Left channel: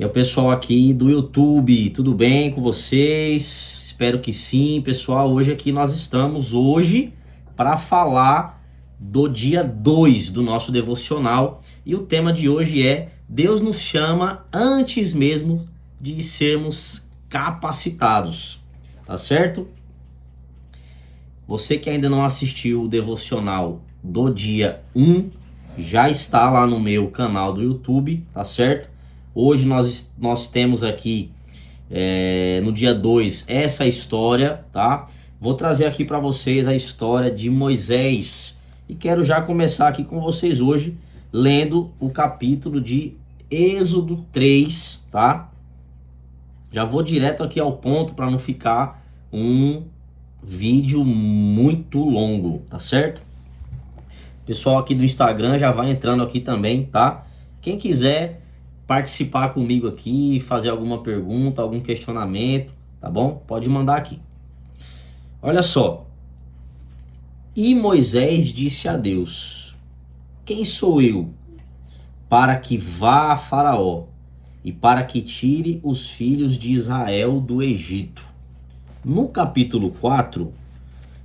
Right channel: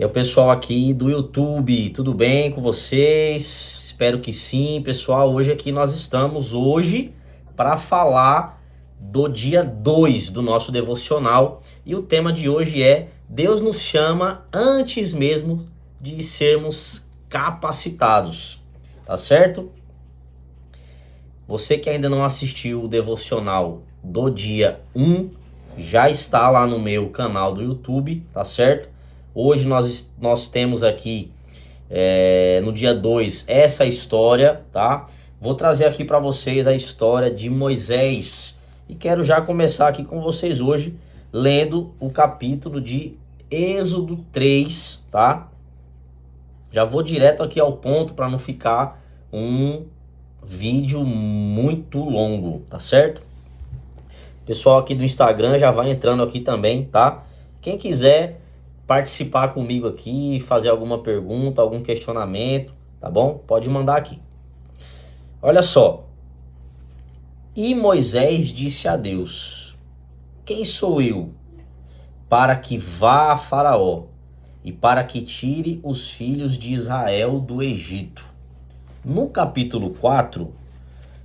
E o pessoal aqui do YouTube, tudo bem com vocês? Espero que sim, pessoal. Hoje aqui nós estamos para falar do dia 2 do nosso devocional. E o tema de hoje é: Deus nos chama antes mesmo de sermos capacitados. Tá certo? Você que ainda não assistiu o devocional do dia 1, já está lá no meu canal do YouTube, tá certo? Hoje nós temos aqui, no dia 2, essa história, tá? Vou trazer aqui para vocês a história de Moisés. E quero já começar aqui com vocês hoje, lendo o capítulo de Êxodo 3, tá? Já vou direto aqui ao ponto para não ficar um vídeo muito longo, tá certo? Pessoal aqui do Instagram já vai entrando aqui também, tá? Quem quiser participar comigo aqui, fazer alguma pergunta, algum questionamento, tá bom? Pode mandar aqui. Olha só. E Moisés disse a Deus: quem sou eu para que vá a Faraó e para que tire os filhos de Israel do Egito? No capítulo 4,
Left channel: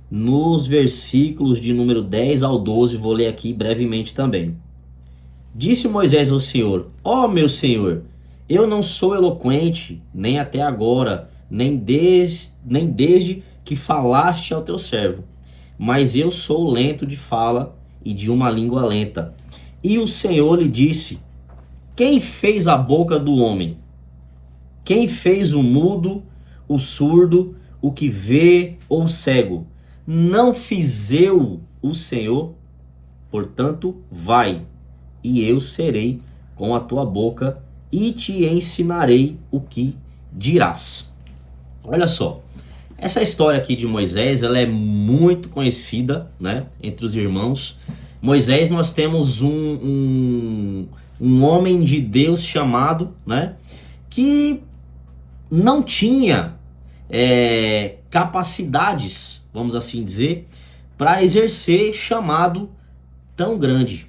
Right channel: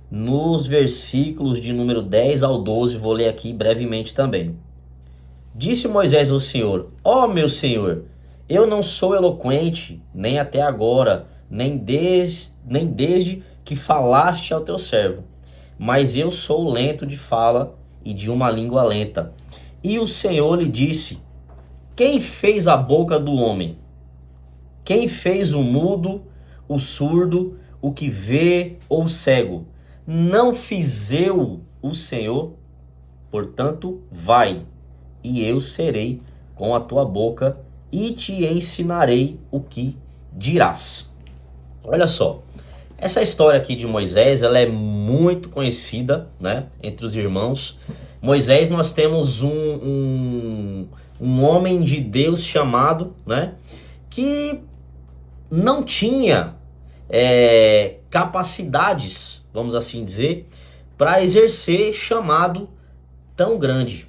nos versículos de número 10 ao 12, vou ler aqui brevemente também. Disse Moisés ao Senhor: ó meu Senhor, eu não sou eloquente, nem até agora, nem desde que falaste ao teu servo, mas eu sou lento de fala e de uma língua lenta. E o Senhor lhe disse: quem fez a boca do homem? Quem fez o mudo, o surdo, o que vê ou o cego? Não fiz eu o Senhor? Portanto, vai, e eu serei com a tua boca e te ensinarei o que dirás. Olha só, essa história aqui de Moisés, ela é muito conhecida, né, entre os irmãos. Moisés, nós temos um homem de Deus chamado, né, que não tinha capacidades, vamos assim dizer, para exercer chamado tão grande.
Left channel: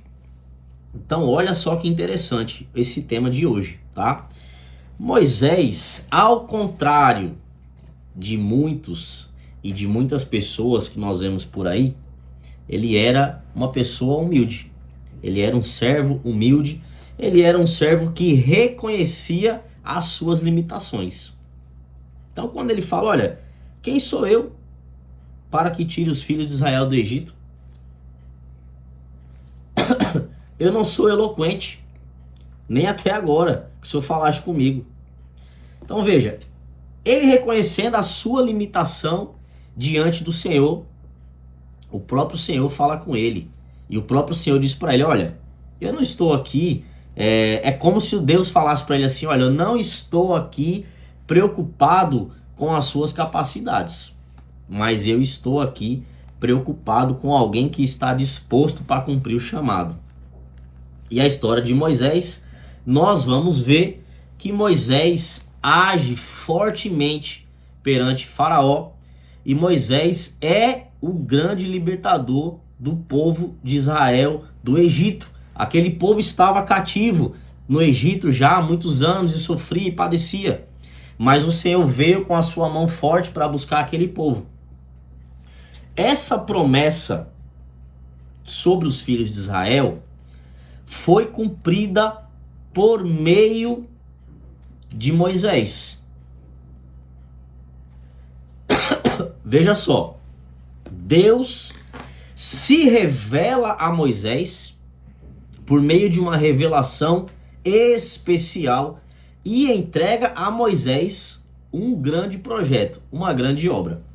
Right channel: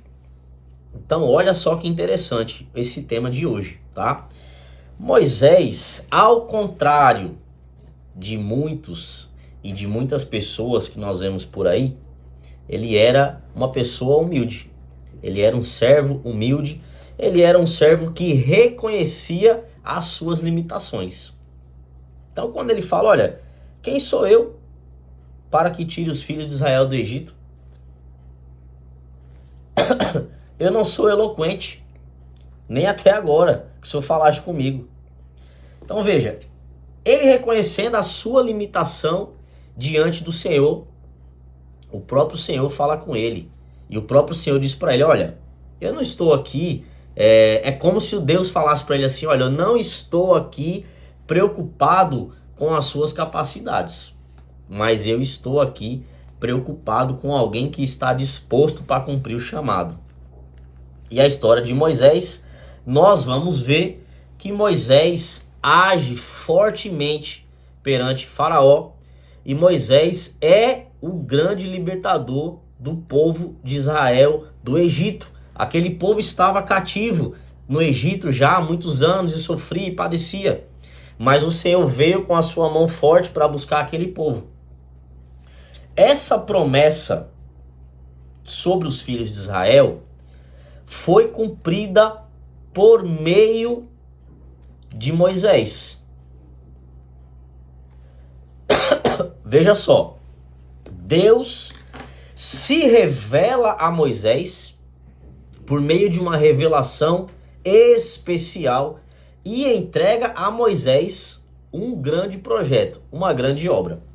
Então, olha só que interessante esse tema de hoje, tá? Moisés, ao contrário de muitos e de muitas pessoas que nós vemos por aí, ele era uma pessoa humilde. Ele era um servo humilde, ele era um servo que reconhecia as suas limitações. Então, quando ele fala: olha, quem sou eu para que tire os filhos de Israel do Egito? Eu não sou eloquente, nem até agora, que o Senhor falaste comigo. Então veja, ele reconhecendo a sua limitação diante do Senhor, o próprio Senhor fala com ele. E o próprio Senhor diz para ele: olha, eu não estou aqui, é como se o Deus falasse para ele assim: olha, eu não estou aqui preocupado com as suas capacidades, mas eu estou aqui preocupado com alguém que está disposto para cumprir o chamado. E a história de Moisés, nós vamos ver que Moisés age fortemente perante Faraó, e Moisés é o grande libertador do povo de Israel do Egito. Aquele povo estava cativo no Egito já há muitos anos e sofria e padecia, mas o Senhor veio com a sua mão forte para buscar aquele povo. Essa promessa sobre os filhos de Israel foi cumprida por meio de Moisés. Veja só, Deus se revela a Moisés por meio de uma revelação especial e entrega a Moisés um grande projeto, uma grande obra.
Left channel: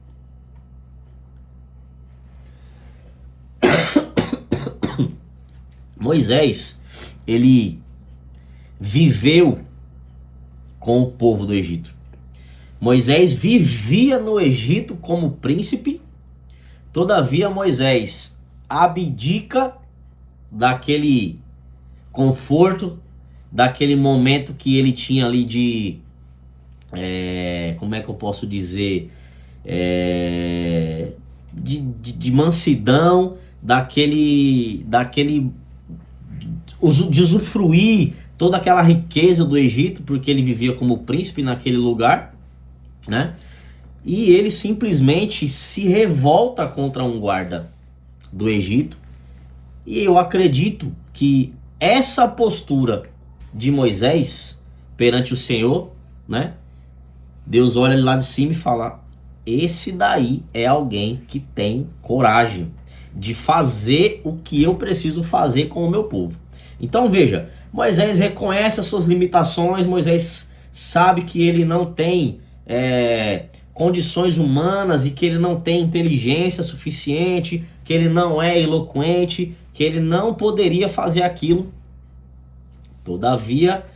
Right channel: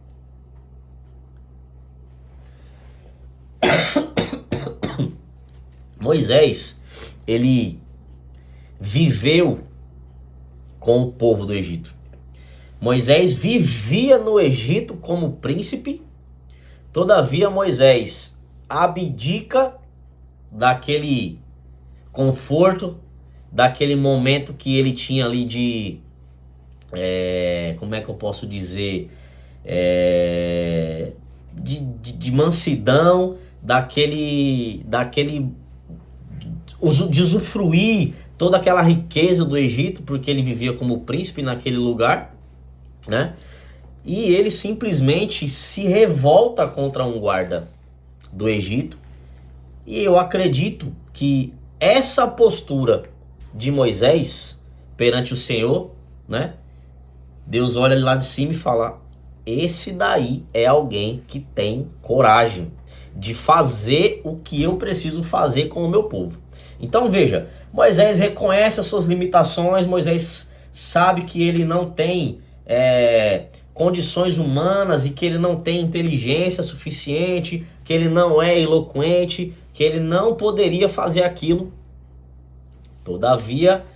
Moisés, ele viveu com o povo do Egito. Moisés vivia no Egito como príncipe. Todavia, Moisés abdica daquele conforto, daquele momento que ele tinha ali de, como é que eu posso dizer, de mansidão, de usufruir toda aquela riqueza do Egito, porque ele vivia como príncipe naquele lugar, né? E ele simplesmente se revolta contra um guarda do Egito. E eu acredito que essa postura de Moisés perante o Senhor, né? Deus olha lá de cima e fala: esse daí é alguém que tem coragem de fazer o que eu preciso fazer com o meu povo. Então veja, Moisés reconhece as suas limitações, Moisés sabe que ele não tem condições humanas e que ele não tem inteligência suficiente, que ele não é eloquente, que ele não poderia fazer aquilo. Todavia,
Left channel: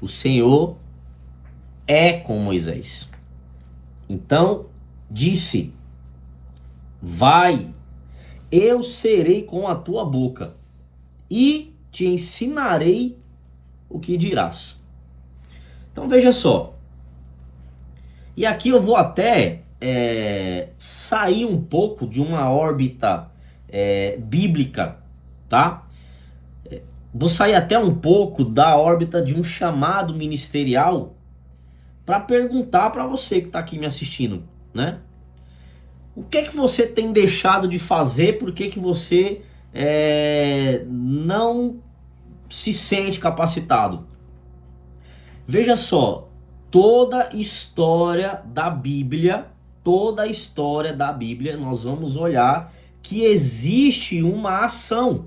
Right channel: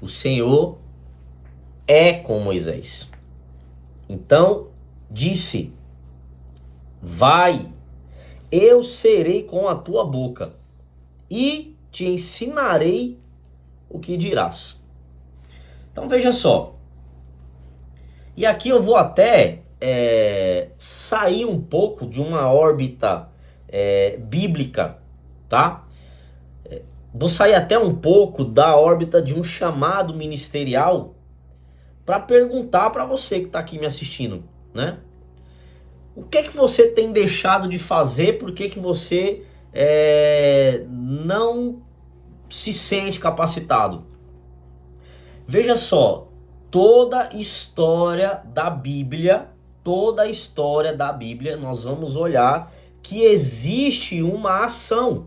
o Senhor é com Moisés. Então, disse: vai, eu serei com a tua boca e te ensinarei o que dirás. Então veja só. E aqui eu vou até sair um pouco de uma órbita bíblica, tá? Vou sair até um pouco da órbita de um chamado ministerial para perguntar para você que está aqui me assistindo, né? O que é que você tem deixado de fazer? Por que você não se sente capacitado? Veja só, toda a história da Bíblia, nós vamos olhar que existe uma ação.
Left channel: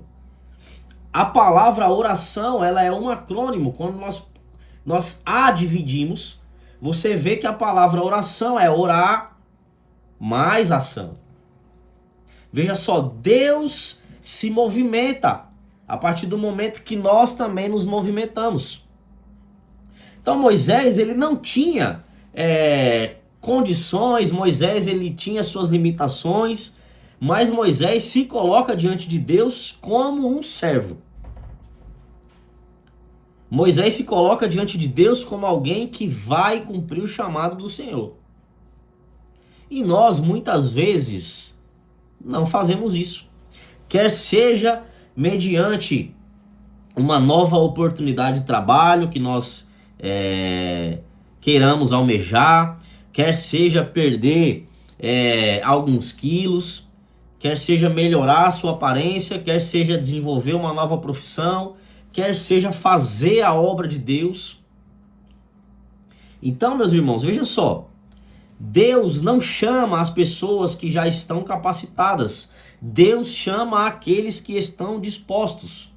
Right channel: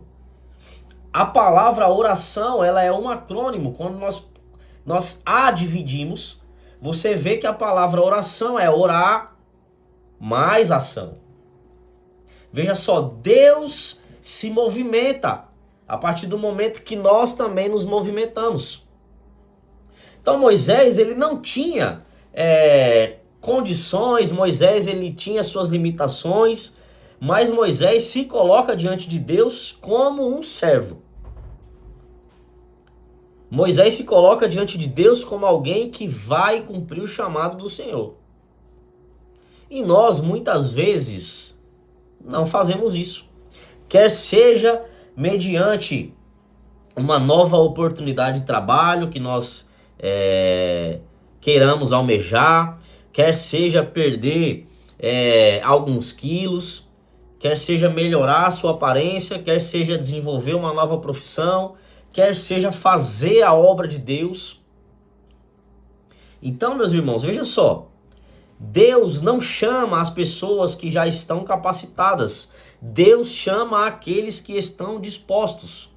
A palavra oração, ela é um acrônimo. Quando nós a dividimos, você vê que a palavra oração é orar mais ação. Veja só, Deus se movimenta a partir do momento que nós também nos movimentamos. Então Moisés, ele não tinha condições, Moisés ele tinha suas limitações, mas Moisés se coloca diante de Deus como um servo. Moisés se coloca diante de Deus como alguém que vai cumprir o chamado do Senhor. E nós, muitas vezes, não fazemos isso. Quer seja mediante uma nova oportunidade de trabalho que nós queiramos almejar, quer seja perder alguns quilos, quer seja melhorar a sua aparência, quer seja desenvolver uma nova profissão, quer seja fazer a obra de Deus. Então, meus irmãos, veja só, Deus não chama as pessoas que já estão capacitadas, Deus chama aqueles que estão dispostos.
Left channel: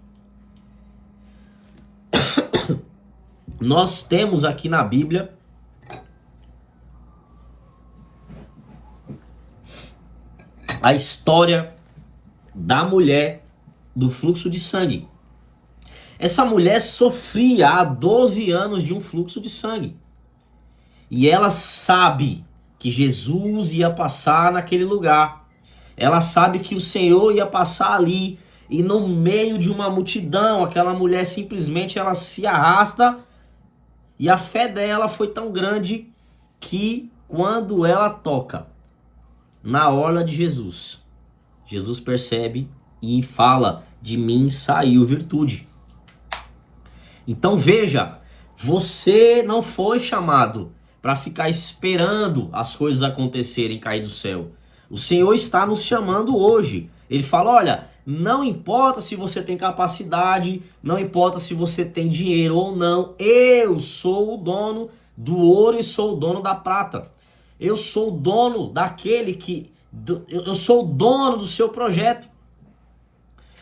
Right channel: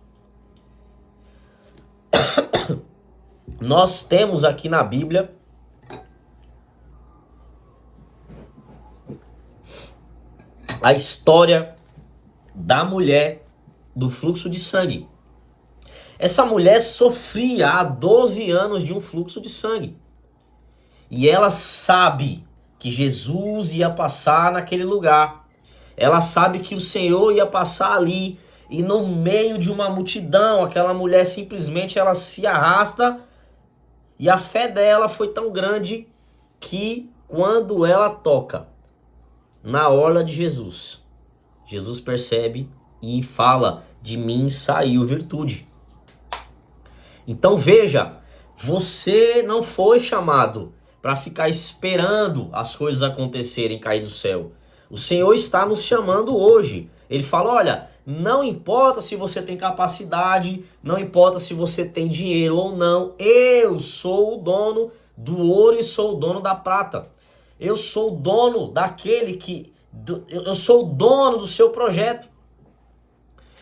Nós temos aqui na Bíblia a história da mulher do fluxo de sangue. Essa mulher sofria há 12 anos de um fluxo de sangue. E ela sabe que Jesus ia passar naquele lugar. Ela sabe que o Senhor ia passar ali. E no meio de uma multidão, aquela mulher simplesmente ela se arrasta. E a fé dela foi tão grande que quando ela toca na orla de Jesus, Jesus percebe e fala: de mim saiu virtude. Então veja, você não foi chamado para ficar esperando as coisas acontecerem, cair do céu. O Senhor está nos chamando hoje. Ele fala: olha, não importa se você tem capacidade, não importa se você tem dinheiro ou não, eu sou o dono do ouro e sou o dono da prata. Eu sou o dono eu sou o dono do seu projeto.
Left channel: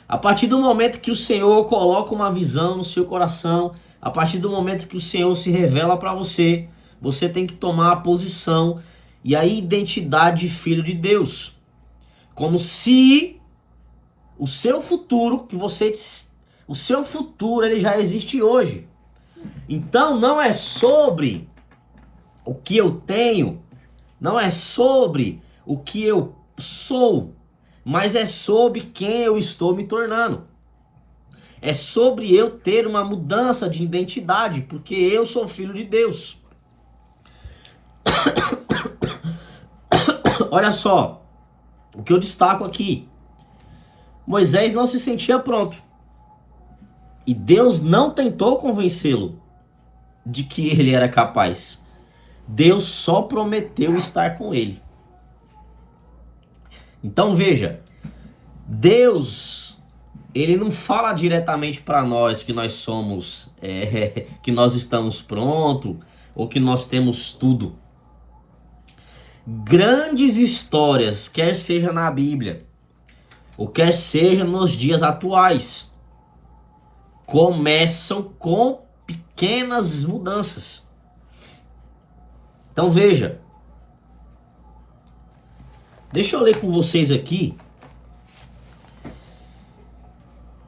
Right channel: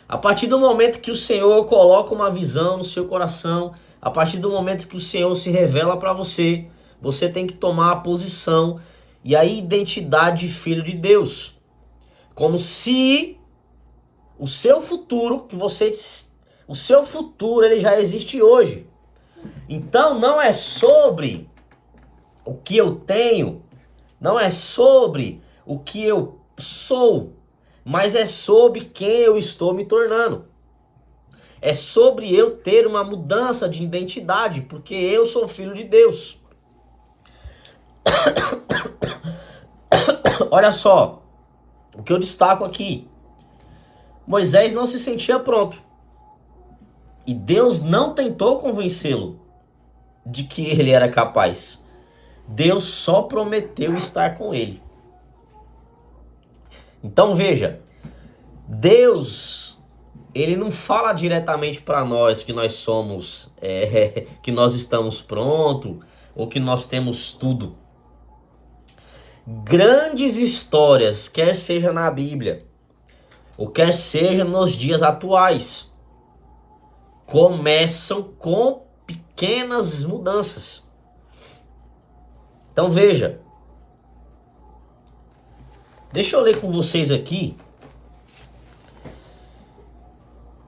A partir do momento que o Senhor coloca uma visão no seu coração, a partir do momento que o Senhor se revela para você, você tem que tomar a posição e a identidade de filho de Deus. Como se o seu futuro, o seu futuro ele já existe hoje. Então não é sobre o que eu tenho, não é sobre o que eu sou, mas é sobre quem eu estou me tornando. É sobre eu ter uma mudança de identidade, porque eu sou filho de Deus. Olha só, o que eu destaco aqui. Moisés não se sentia pronto. E Deus não tentou convencê-lo de que ele era capaz. Deus só prometeu estar com ele. Então veja, Deus, ele não fala diretamente para nós que nós somos, que nós estamos prontos ou que nós temos tudo. Grandes histórias, quer seja na Bíblia ou quer seja nos dias atuais, começam com pequenas mudanças. Então veja, deixa eu ler com vocês aqui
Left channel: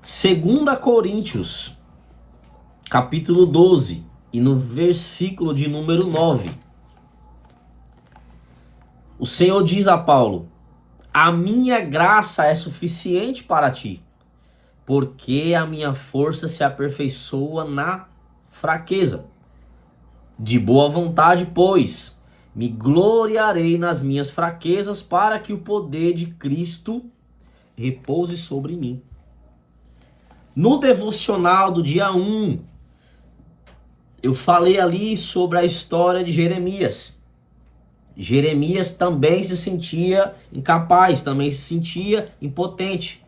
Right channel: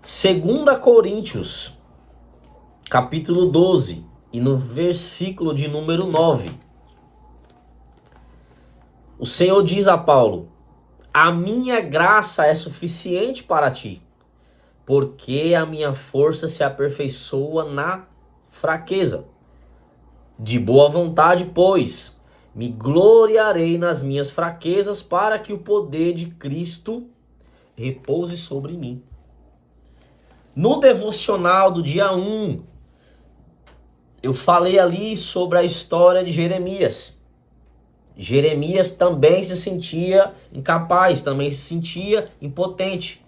2 Coríntios, capítulo 12, e no versículo de número 9. O Senhor diz a Paulo: a minha graça é suficiente para ti, porque a minha força se aperfeiçoa na fraqueza. De boa vontade, pois, me gloriarei nas minhas fraquezas, para que o poder de Cristo repouse sobre mim. No devocional do dia 1, eu falei ali sobre a história de Jeremias. Jeremias também se sentia incapaz, também se sentia impotente.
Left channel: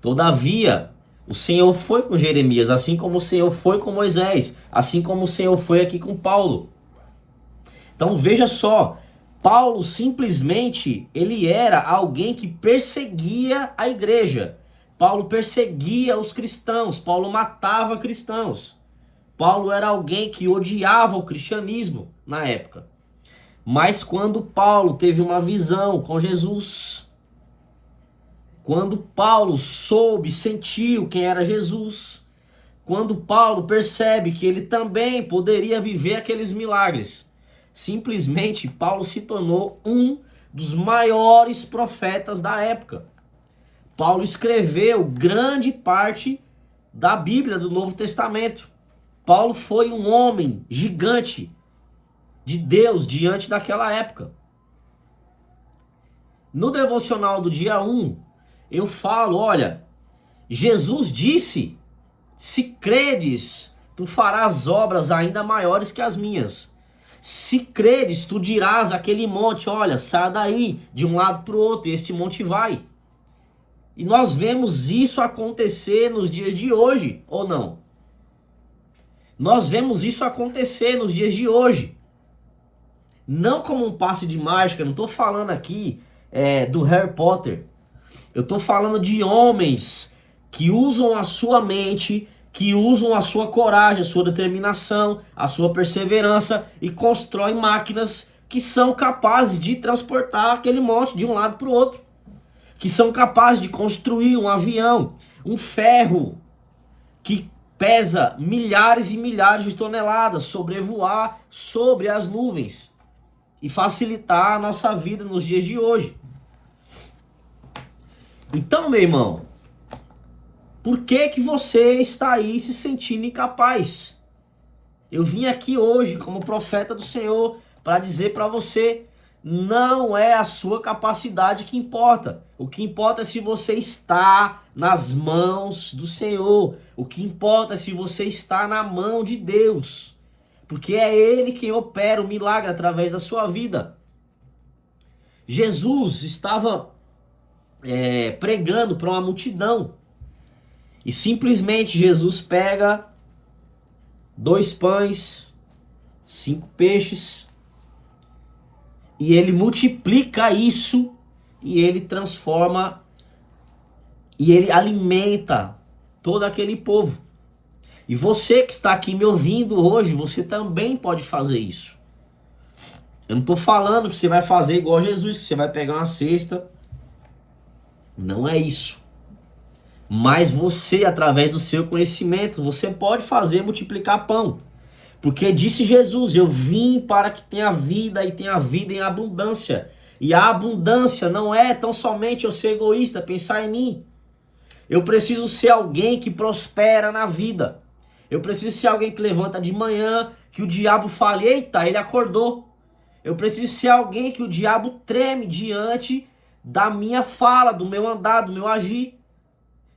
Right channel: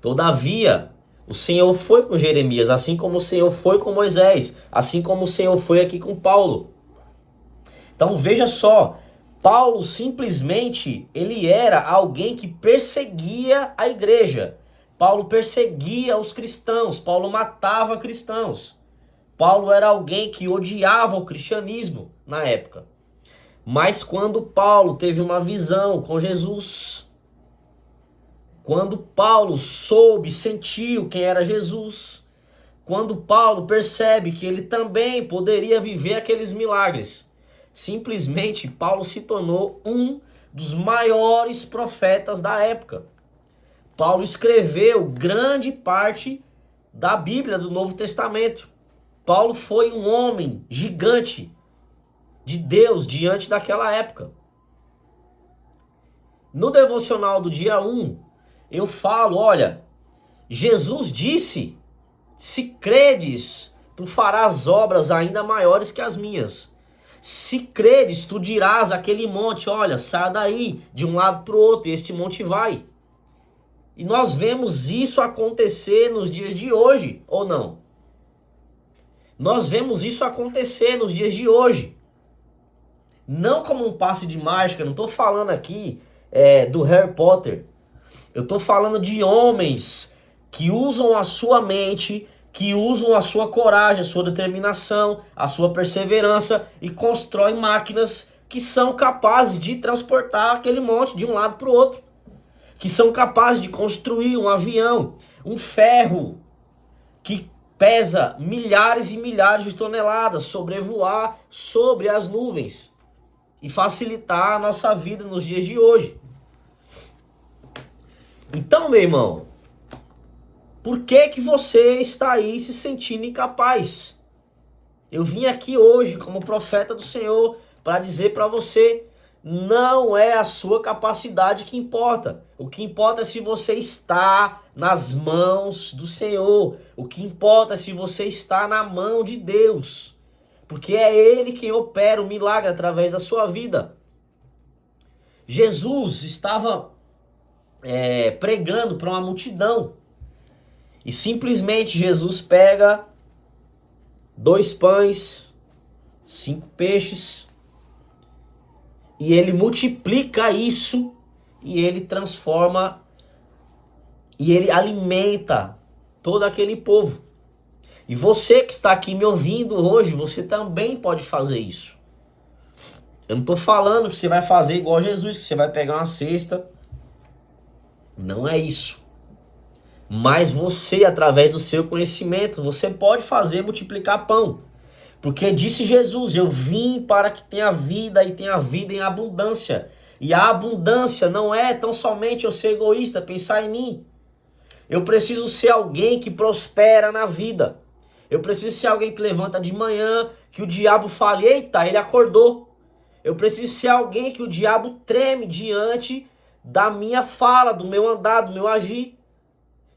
Todavia, o Senhor foi com Jeremias, assim como o Senhor foi com Moisés, assim como o Senhor foi aqui com Paulo. Então veja só, Paulo simplesmente, ele era alguém que perseguia a igreja. Paulo perseguia os cristãos, Paulo matava cristãos. Paulo era alguém que odiava o cristianismo na época. Mas quando Paulo teve uma visão com Jesus, quando Paulo soube, sentiu quem era Jesus, quando Paulo percebe que ele também poderia viver aqueles milagres, simplesmente Paulo se tornou um dos maiores profetas da época. Paulo escreveu grande parte da Bíblia do Novo Testamento. Paulo foi um homem gigante de Deus diante daquela época. No devocional do dia 1, eu falo, olha, Jesus disse: se credes, tu farás obras ainda maiores que as minhas. Se credes, tu dirás àquele monte, olha, sai daí, de um lado para o outro, e este monte vai. E nós vemos isso acontecer nos dias de hoje, ou não? Nós vemos isso acontecer nos dias de hoje. Não como um passe de mágica, não estou falando aqui do Harry Potter. Eu estou falando de homens que usam a sua mente, que usam a sua coragem, a sua determinação, a sua perseverança e constroem máquinas que são capazes de transportar aquele monte de um lado para o outro. Que são capazes de construir um avião, um ferro que pesa milhares e milhares de toneladas, sobrevoar sobre as nuvens e facilitar a nossa vida nos dias de hoje. Então, meu irmão, por que que você está aí se sentindo incapaz? Eu vim aqui hoje como profeta do Senhor para dizer para você, não é a sua capacidade que importa. O que importa é se você está nas mãos do Senhor. O que importa é se você está na mão de Deus. Porque é Ele quem opera o milagre através da sua vida. Jesus estava pregando para uma multidão. E simplesmente Jesus pega 2 pães, 5 peixes, e ele multiplica isso, e ele transforma, e ele alimenta todo aquele povo. E você que está aqui me ouvindo hoje, você também pode fazer isso. Eu não estou falando que você vai fazer igual Jesus, que você vai pegar uma cesta. Não é isso. Mas você, através do seu conhecimento, você pode fazer multiplicar pão. Porque disse Jesus, eu vim para que tenha vida e tenha vida em abundância. E a abundância não é tão somente eu ser egoísta, pensar em mim. Eu preciso ser alguém que prospera na vida. Eu preciso ser alguém que levanta de manhã, que o diabo fale, eita, ele acordou. Eu preciso ser alguém que o diabo treme diante da minha fala, do meu andar, do meu agir.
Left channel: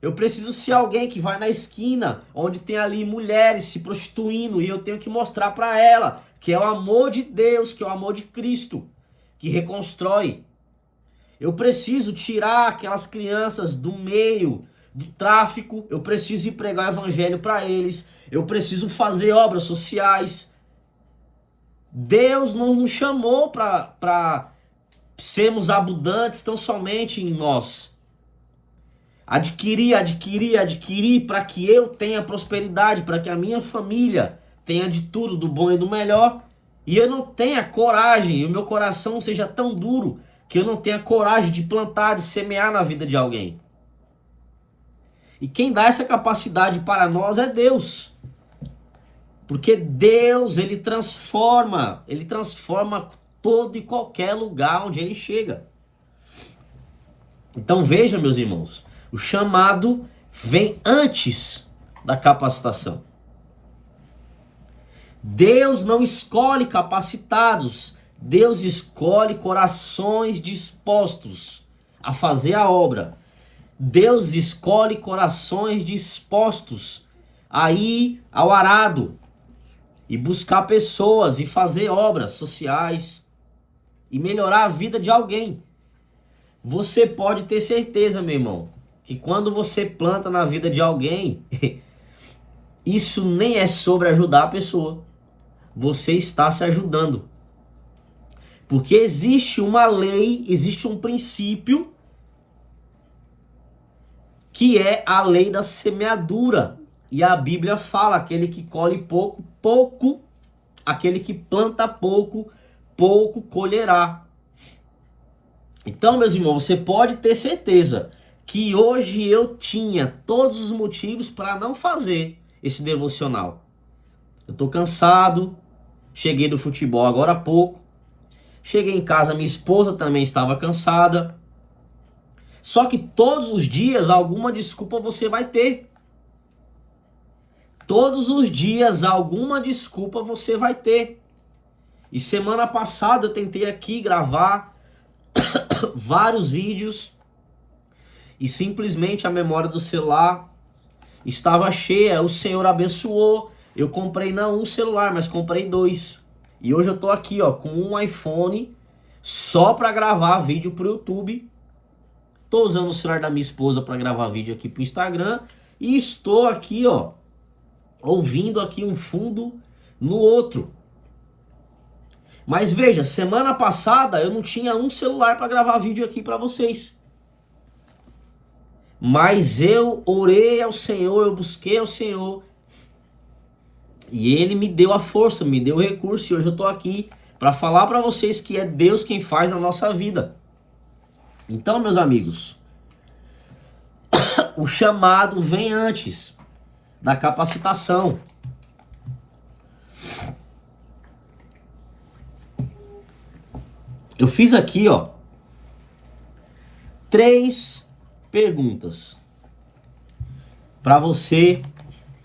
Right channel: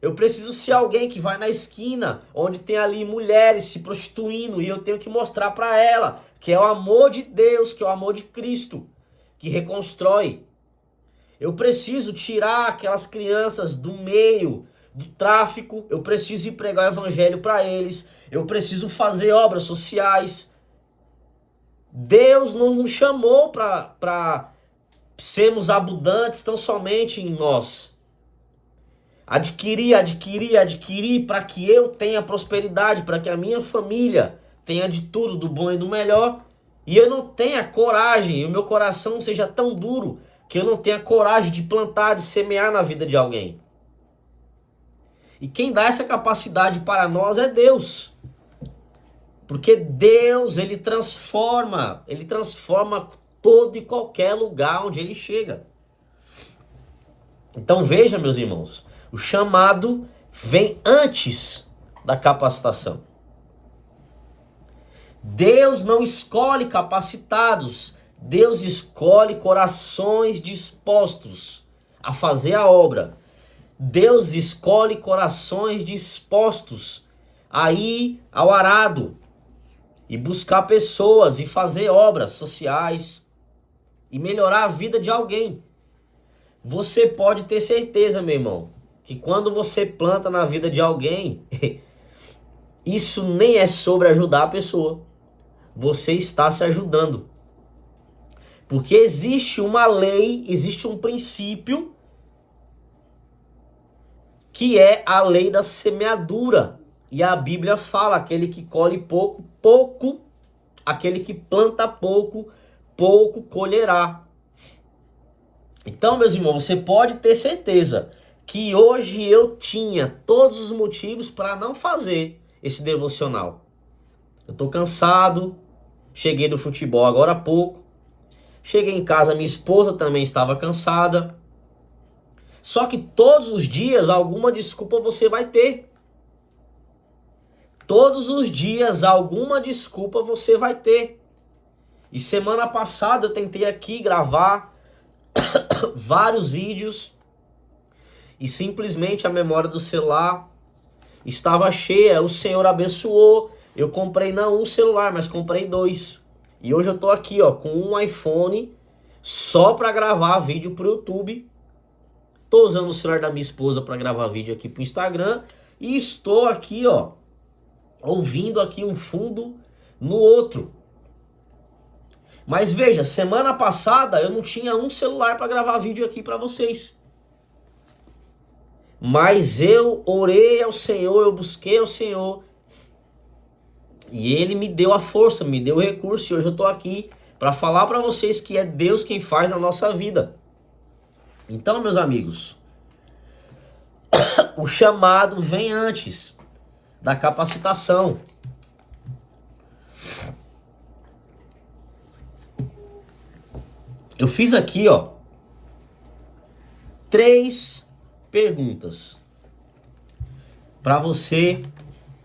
Eu preciso ser alguém que vai na esquina, onde tem ali mulheres se prostituindo, e eu tenho que mostrar para ela que é o amor de Deus, que é o amor de Cristo, que reconstrói. Eu preciso tirar aquelas crianças do meio do tráfico, eu preciso ir pregar o evangelho para eles, eu preciso fazer obras sociais. Deus não nos chamou para sermos abundantes tão somente em nós. Adquirir para que eu tenha prosperidade, para que a minha família tenha de tudo, do bom e do melhor. E eu não tenha coragem, e o meu coração seja tão duro, que eu não tenha coragem de plantar, de semear na vida de alguém. E quem dá essa capacidade para nós é Deus. Porque Deus, ele transforma todo e qualquer lugar onde ele chega. Então veja, meus irmãos, o chamado vem antes da capacitação. Deus não escolhe capacitados, Deus escolhe corações dispostos a fazer a obra. Deus escolhe corações dispostos a ir ao arado e buscar pessoas e fazer obras sociais e melhorar a vida de alguém. Você pode ter certeza, meu irmão, que quando você planta na vida de alguém, isso nem é sobre ajudar a pessoa. Você está se ajudando. Porque existe uma lei, existe um princípio, que é a lei da semeadura. E a Bíblia fala, aquele que colhe pouco, pouco, aquele que planta pouco, pouco colherá. Então, meus irmãos, você pode ter certeza que hoje eu tinha todos os motivos para não fazer esse devocional. Eu tô cansado, cheguei do futebol agora há pouco, cheguei em casa, minha esposa também estava cansada. Só que todos os dias alguma desculpa você vai ter. Todos os dias alguma desculpa você vai ter. E semana passada eu tentei aqui gravar vários vídeos e simplesmente a memória do celular estava cheia. O Senhor abençoou. Eu comprei não um celular, mas comprei 2. E hoje eu tô aqui, ó, com um iPhone só para gravar vídeo pro YouTube. Tô usando o celular da minha esposa para gravar vídeo aqui pro Instagram e estou aqui, ó, ouvindo aqui um fundo no outro. Mas veja, semana passada eu não tinha um celular para gravar vídeo aqui para vocês. Mas eu orei ao Senhor, eu busquei ao Senhor. E Ele me deu a força, me deu o recurso. E hoje eu tô aqui para falar para vocês que é Deus quem faz na nossa vida. Então, meus amigos, o chamado vem antes da capacitação. Eu fiz aqui, ó, 3 perguntas para você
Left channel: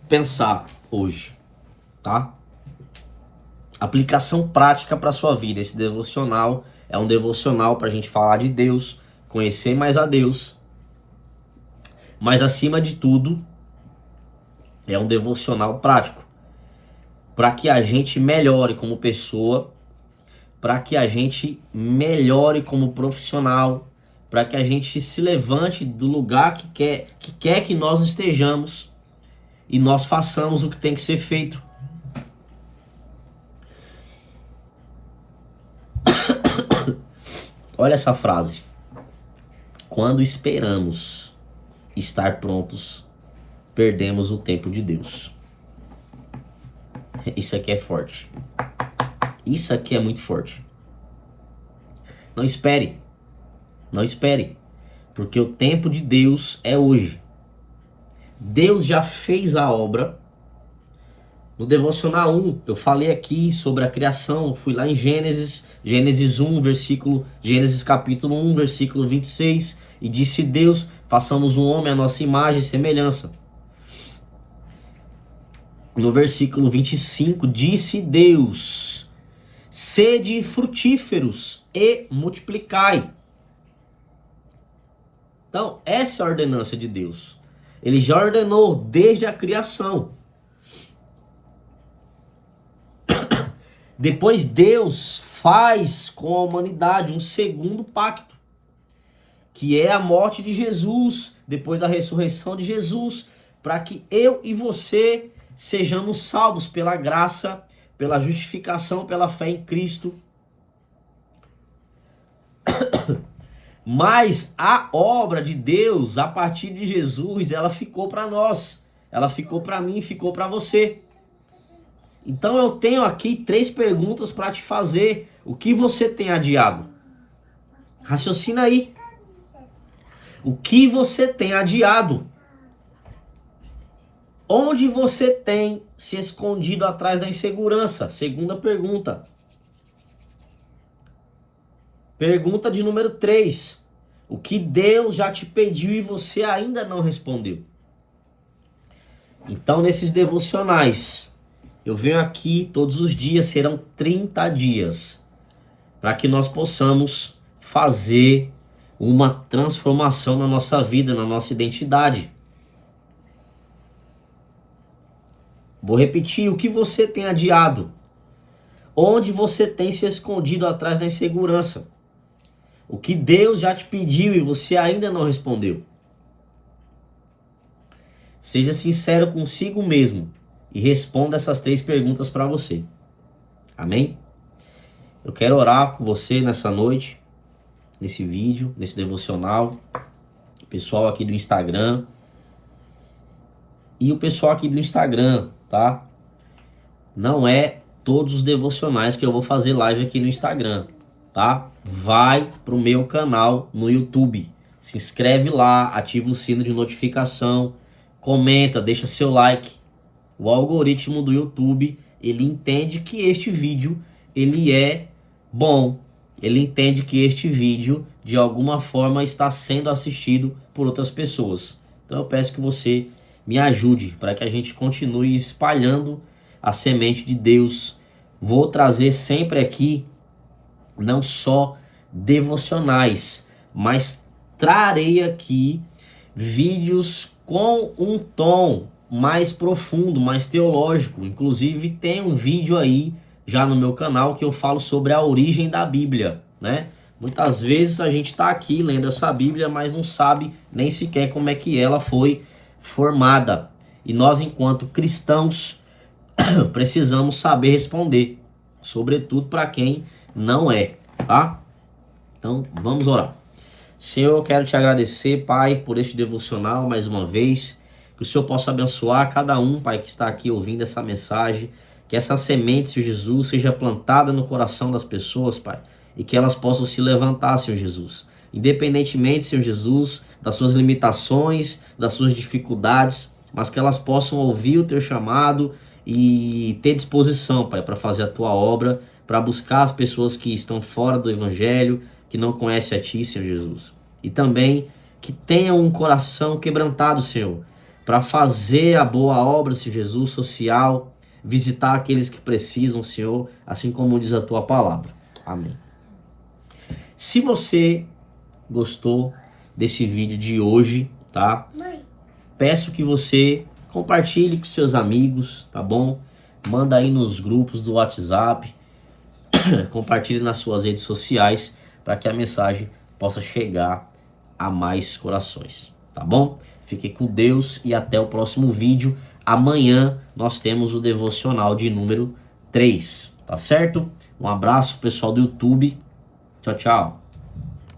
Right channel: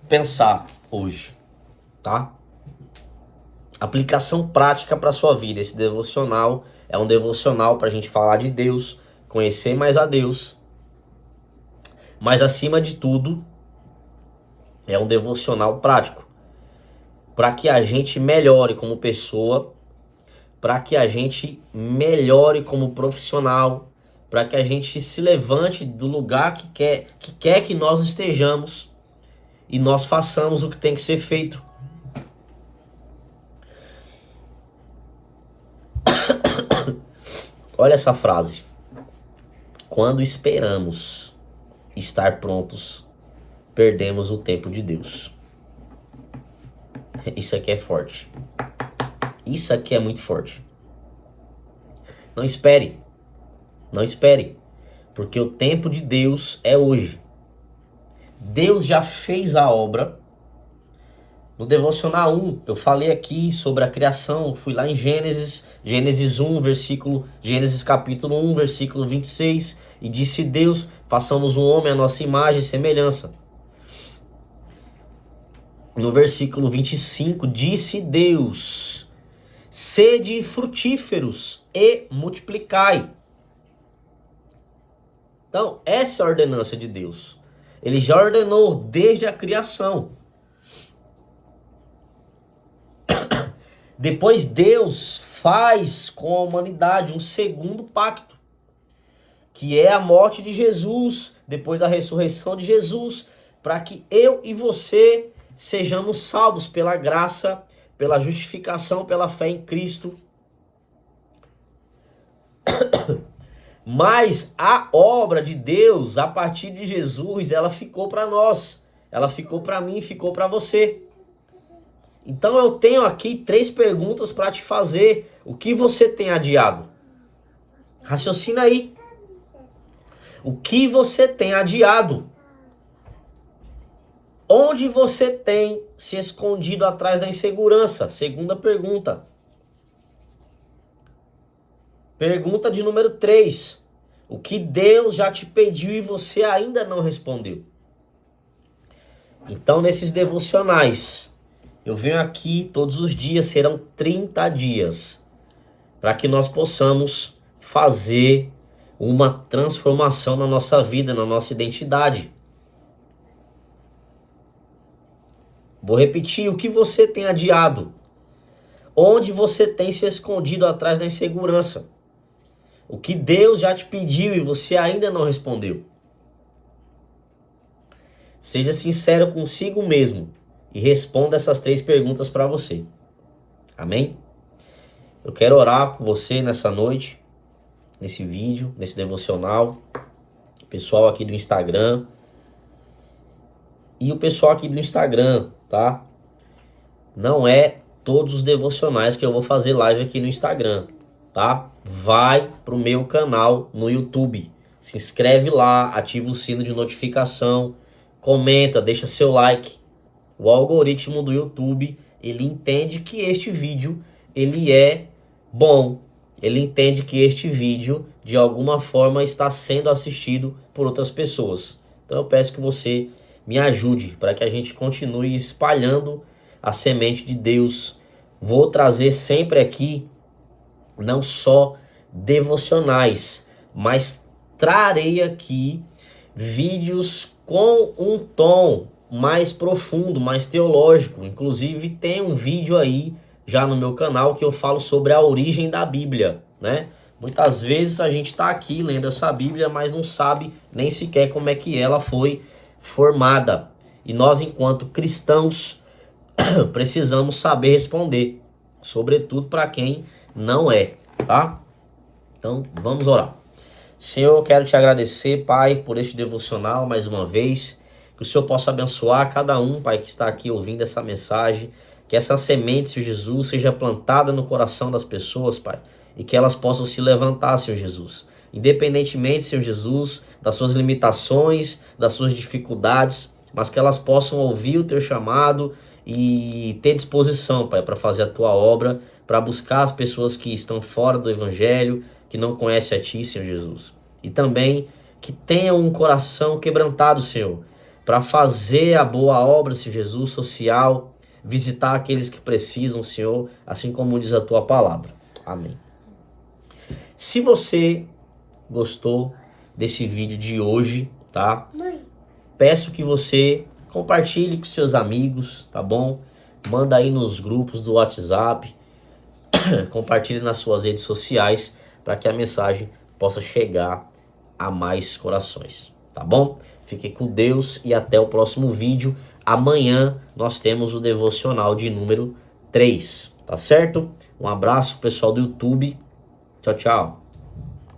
pensar hoje, tá? Aplicação prática para sua vida. Esse devocional é um devocional para a gente falar de Deus, conhecer mais a Deus, mas acima de tudo é um devocional prático para que a gente melhore como pessoa, para que a gente melhore como profissional, para que a gente se levante do lugar que quer que nós estejamos e nós façamos o que tem que ser feito. Olha essa frase. Quando esperamos estar prontos, perdemos o tempo de Deus. Isso aqui é forte. Isso aqui é muito forte. Não espere. Não espere. Porque o tempo de Deus é hoje. Deus já fez a obra. No Devocional 1, eu falei aqui sobre a criação. Fui lá em Gênesis 1, Gênesis capítulo 1, versículo 26. E disse Deus, façamos um homem à nossa imagem e semelhança. No versículo 25, disse Deus, sede frutíferos e multiplicai. Então, essa é a ordenança de Deus. Ele já ordenou desde a criação. Depois Deus faz com a humanidade um segundo pacto, que é a morte de Jesus, depois a ressurreição de Jesus, para que eu e você sejamos salvos pela graça, pela justificação, pela fé em Cristo. Mas a obra de Deus, a partir de Jesus, ela ficou para nós. Ela ficou para mim, ficou para você. Então eu tenho aqui 3 perguntas para te fazer. O que você tem adiado? Raciocina aí. O que você tem adiado? Onde você tem se escondido atrás da insegurança? Segunda pergunta. Pergunta de número 3. O que Deus já te pediu e você ainda não respondeu? Então, nesses devocionais, eu venho aqui todos os dias, serão 30 dias, para que nós possamos fazer uma transformação na nossa vida, na nossa identidade. Vou repetir, o que você tem adiado? Onde você tem se escondido atrás da insegurança? O que Deus já te pediu e você ainda não respondeu? Seja sincero consigo mesmo e responda essas 3 perguntas para você. Amém? Eu quero orar com você nessa noite, nesse vídeo, nesse devocional. O pessoal aqui do Instagram. E o pessoal aqui do Instagram, tá? Não é todos os devocionais que eu vou fazer live aqui no Instagram, tá? Vai pro meu canal no YouTube. Se inscreve lá, ativa o sino de notificação, comenta, deixa seu like. O algoritmo do YouTube, ele entende que este vídeo, ele é bom. Ele entende que este vídeo, de alguma forma, está sendo assistido por outras pessoas. Então eu peço que você me ajude para que a gente continue espalhando a semente de Deus. Vou trazer sempre aqui, não só devocionais, mas trarei aqui vídeos com um tom mais profundo, mais teológico. Inclusive tem um vídeo aí já no meu canal que eu falo sobre a origem da Bíblia, né? Muitas vezes a gente está aqui lendo essa Bíblia, mas não sabe nem sequer como é que ela foi formada. E nós, enquanto cristãos, precisamos saber responder, sobretudo para quem não é, tá? Então, vamos orar. Senhor, eu quero te agradecer, Pai, por este devocional mais uma vez. Que o Senhor possa abençoar cada um, Pai, que está aqui ouvindo essa mensagem. Que essa semente, Senhor Jesus, seja plantada no coração das pessoas, Pai. E que elas possam se levantar, Senhor Jesus. Independentemente, Senhor Jesus, das suas limitações, das suas dificuldades, mas que elas possam ouvir o Teu chamado e ter disposição, Pai, para fazer a Tua obra, para buscar as pessoas que estão fora do Evangelho, que não conhecem a Ti, Senhor Jesus. E também que tenham um coração quebrantado, Senhor, para fazer a boa obra, Senhor Jesus, social, visitar aqueles que precisam, Senhor, assim como diz a Tua palavra. Amém. Se você gostou desse vídeo de hoje, tá? Peço que você compartilhe com seus amigos, tá bom? Manda aí nos grupos do WhatsApp, compartilhe nas suas redes sociais, para que a mensagem possa chegar a mais corações, tá bom? Fique com Deus e até o próximo vídeo. Amanhã nós temos o devocional de número 3, tá certo? Um abraço, pessoal do YouTube. Tchau, tchau.